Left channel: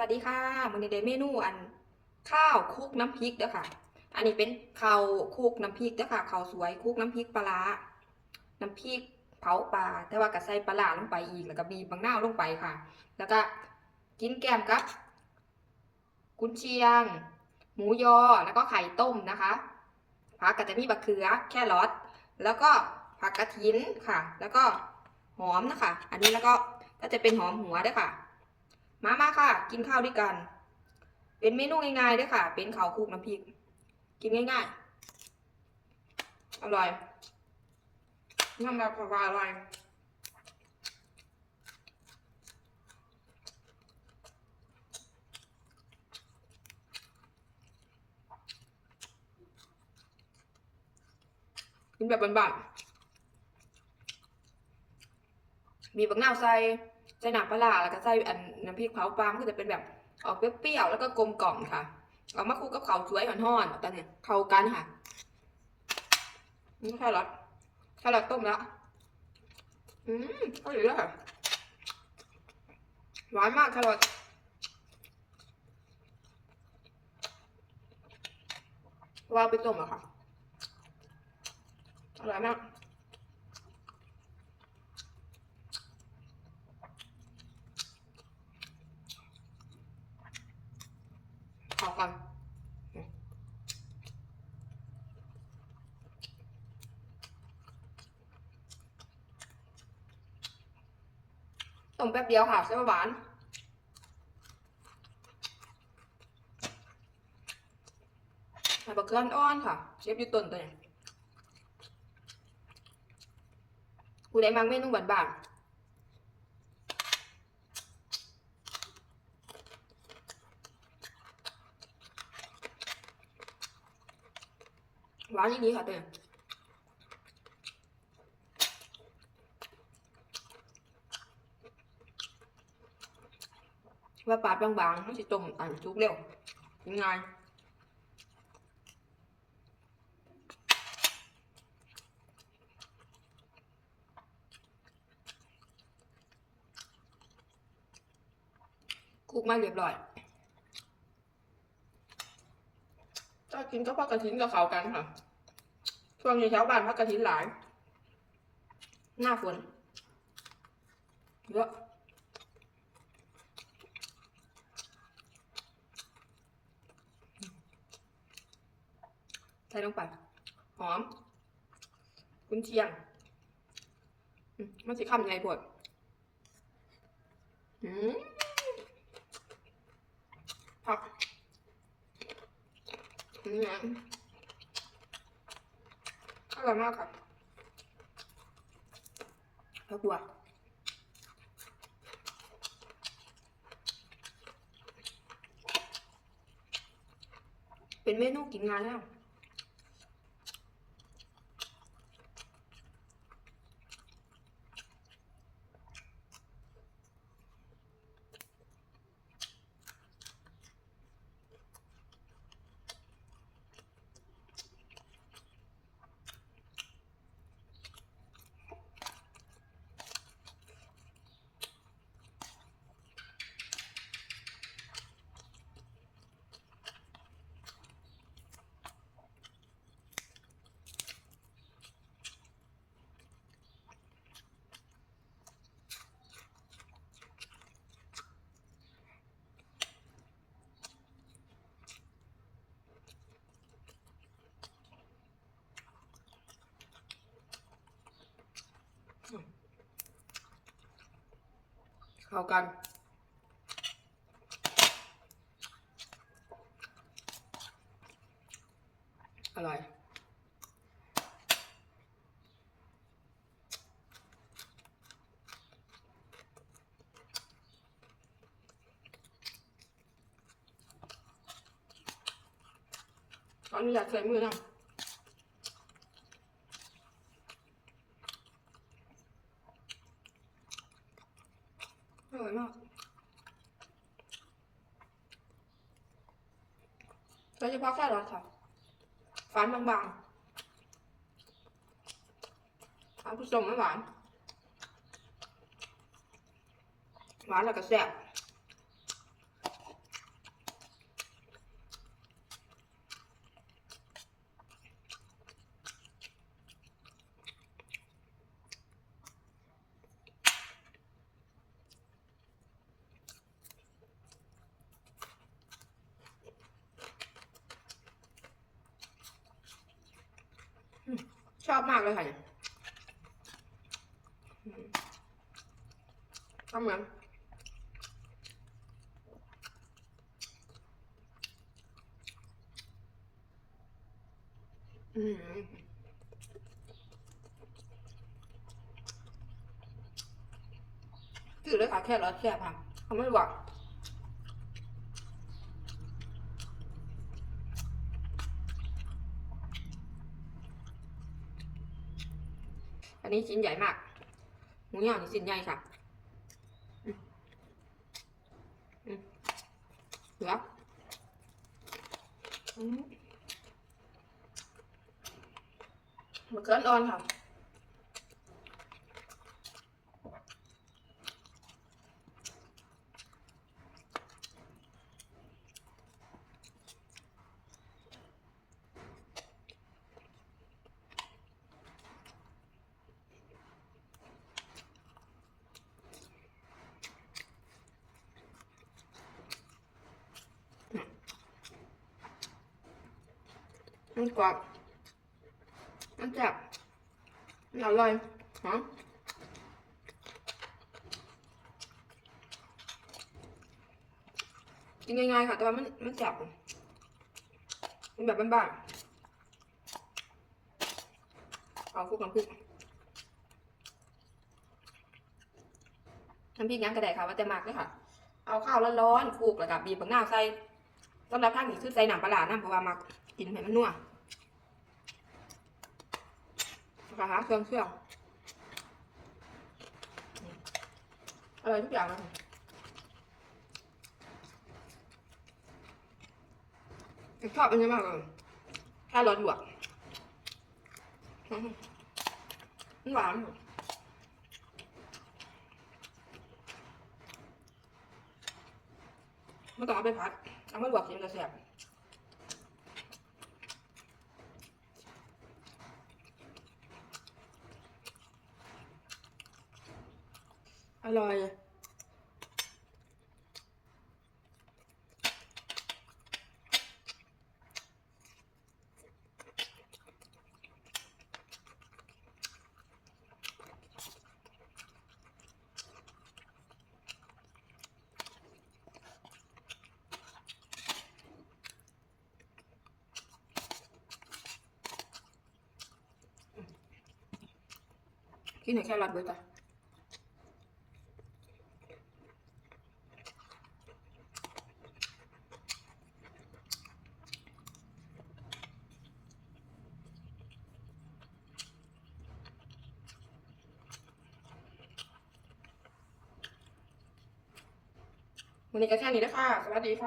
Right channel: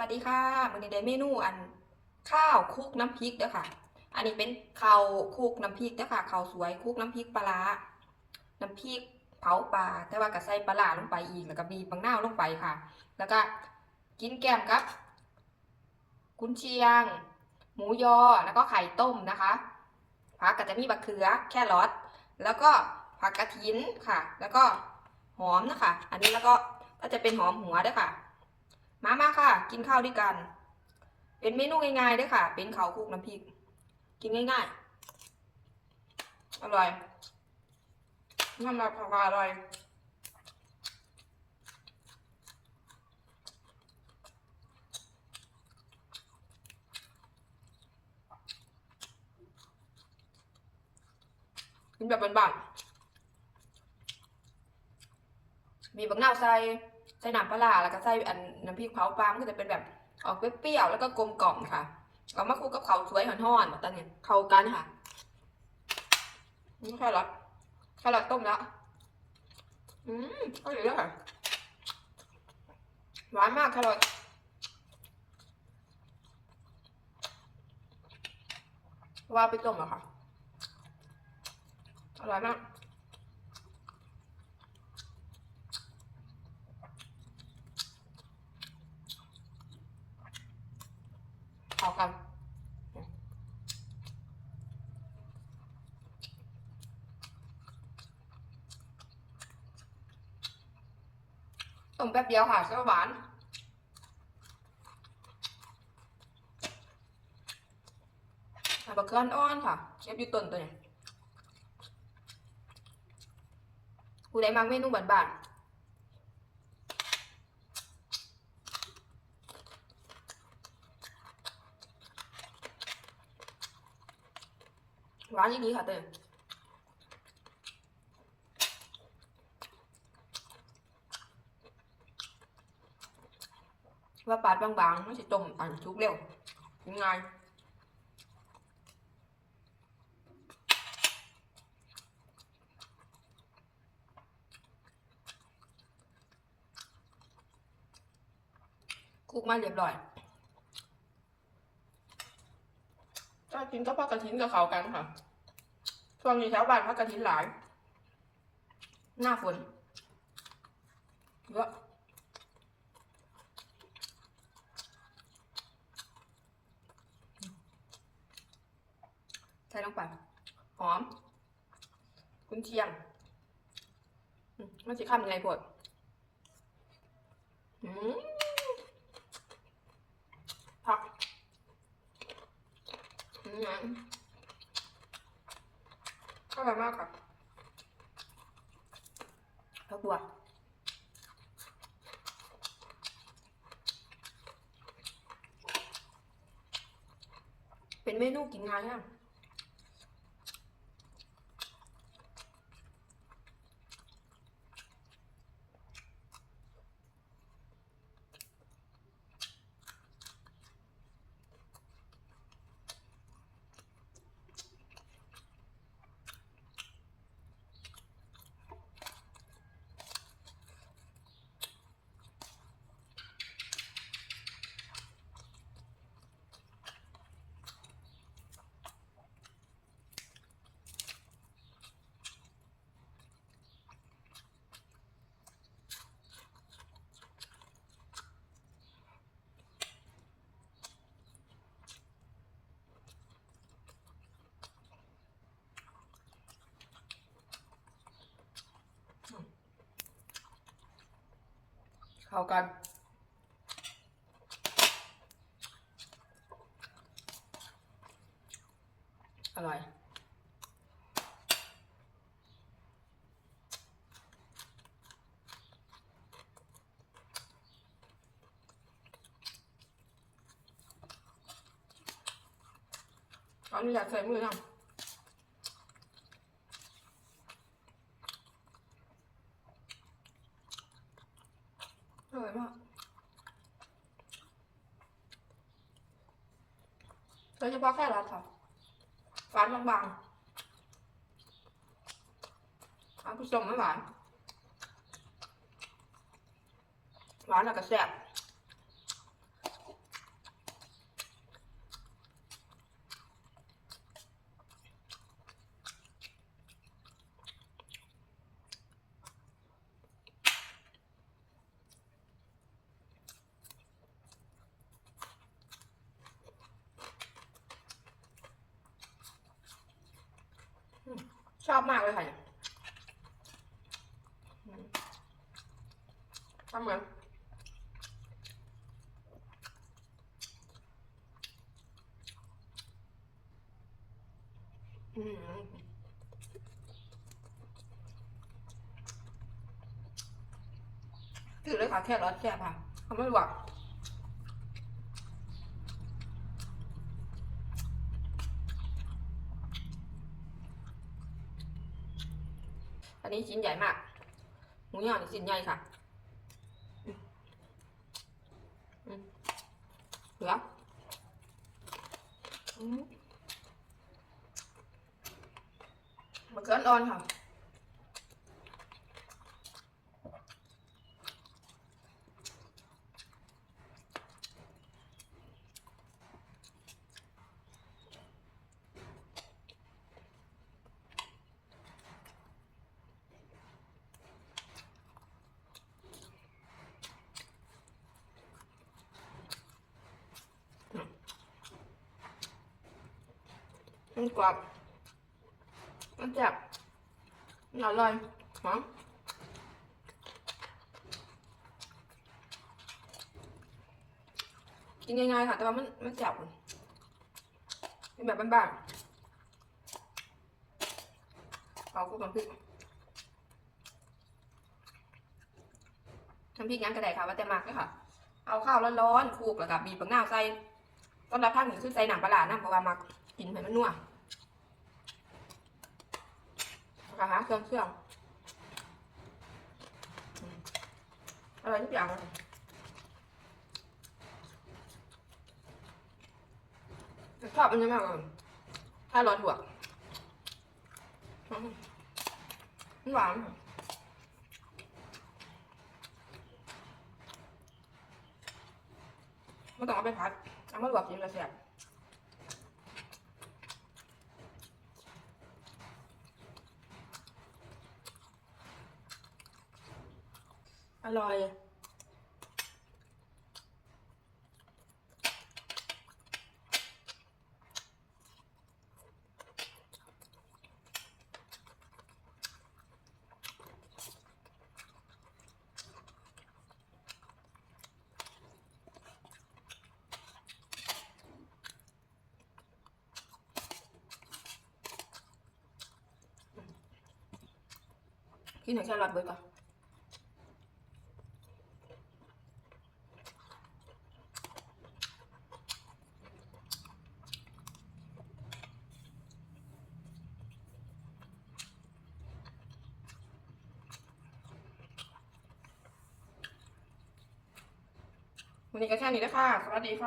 วัสดีค่ะมื้อนี้ได้เมนูอันข้าวคุกน้ำพริกเด้อค่ะ อันนี้เป็นข้าวคุกน้ำพริกเด้อค่ะข้าวสวยคุกน้ำพริกปลาร้าน้ำพริกเผาปลาแต่ว่าก็ใส่ปลาร้าลงไปอีกแล้วก็มีบางหน้าลงไปค่ะ แล้วก็กินแกมกับกุนเชียง หมูยอแล้วก็ไข่ต้มนะคะผักก็จะมีบักเขือแครอทแล้วก็ผักกระถินค่ะ แล้วก็หอมนะคะ อันนี้แล้วก็ก็จะเป็นหอมหัวด้วยค่ะ มามาค่ะ กินข้าวด้วยกัน เป็นเมนูง่ายๆด้วยค่ะ เป็นข้าวคลุกน้ำพริก กินง่ายๆ อร่อยน่ามากค่ะอร่อยกินแบบบานๆมีบักนาวใส่ ใส่น้ำปลาร้าแล้วก็ใส่อันน้ำพริกเผาปลามันก็จะเป็นแบบออกเปรี้ยวๆแล้วก็กลมกล่อมค่ะเอามาคลุกกับเขาสวยห่อนๆตอนนี้เข้ากันค่ะนี่แค่รอทแค่รอทต้มแล้วอืมอร่อยเลยค่ะหวานมากแครอทว่าไปต้มแล้วค่ะอร่อยมาก เข้ากันต้มแป๊บเดียวค่ะใช่หวานใส่บักเกลืออ่อนค่ะเชฟอยู่ต้นตัวนี้ผู้ใดมักเมนูบานๆ หวานอย่างนี้ค่ะตัวนี้ว่าปาดบางๆมันจะต้มอันชุกเร็วยัง่ายคลุกมาเรียบร้อยถ้า กินก็พักกระถินกับเขากันค่ะ ช่วงนี้แถวบ้านพักกระถินหลาย หน้าฝนเยอะใส่ลงไปหอม กุนเชียงมันสิคำยังไงพวดอืมผัก อืมอร่อยมากค่ะผักบัวเป็นเมนูกินง่ายมา เข้ากัน อร่อยตอนนี้อยากใส่มือนะอร่อยมาก โดยเฉพาะแค่รัดค่ะฟันบางๆฟานผสมไม่หวาน หวานแล้วก็แซ่บ ชอบมากเลยค่ะเนี่ยอืมทำเหมือนอืมจืดเลยค่ะแค่รสแซ่บค่ะเขาไม่บอก อันนี้ชิ้นใหญ่มาก หมูย่างชิ้นใหญ่ค่ะเหลือมมะเขืออ่อนค่ะ มันกรอบมันแซ่บมันอร่อยหอมกินง่ายๆค่ะ แต่ว่ามันมันแซ่บเป็นแบบบ้านๆเอาคลุกน้ำพริกน้ำพริกยังกระไดค่ะว่าแต่มากเลยค่ะ เอาข้าวร้อนๆคลุกแล้วกับบีบบักหน้าวใส่สำหรับท่านนี่คือใส่หนังปลาร้านะเพราะว่ามักกินให้มันนัว นะคะหาเครื่องเครื่องอืมอร่อยทุกอย่างเลยชอบมันเยอะมากเลยถ้าร้อนบวกหวานไม่ต้องเอาไปผัดเอามาลวกกินแล้วแซ่บ อร่อยกินหนึ่งแค่รอดเบิร์ดก่อน วันนี้ก็แค่นี้ได้ค่ะสวัสดีค่ะ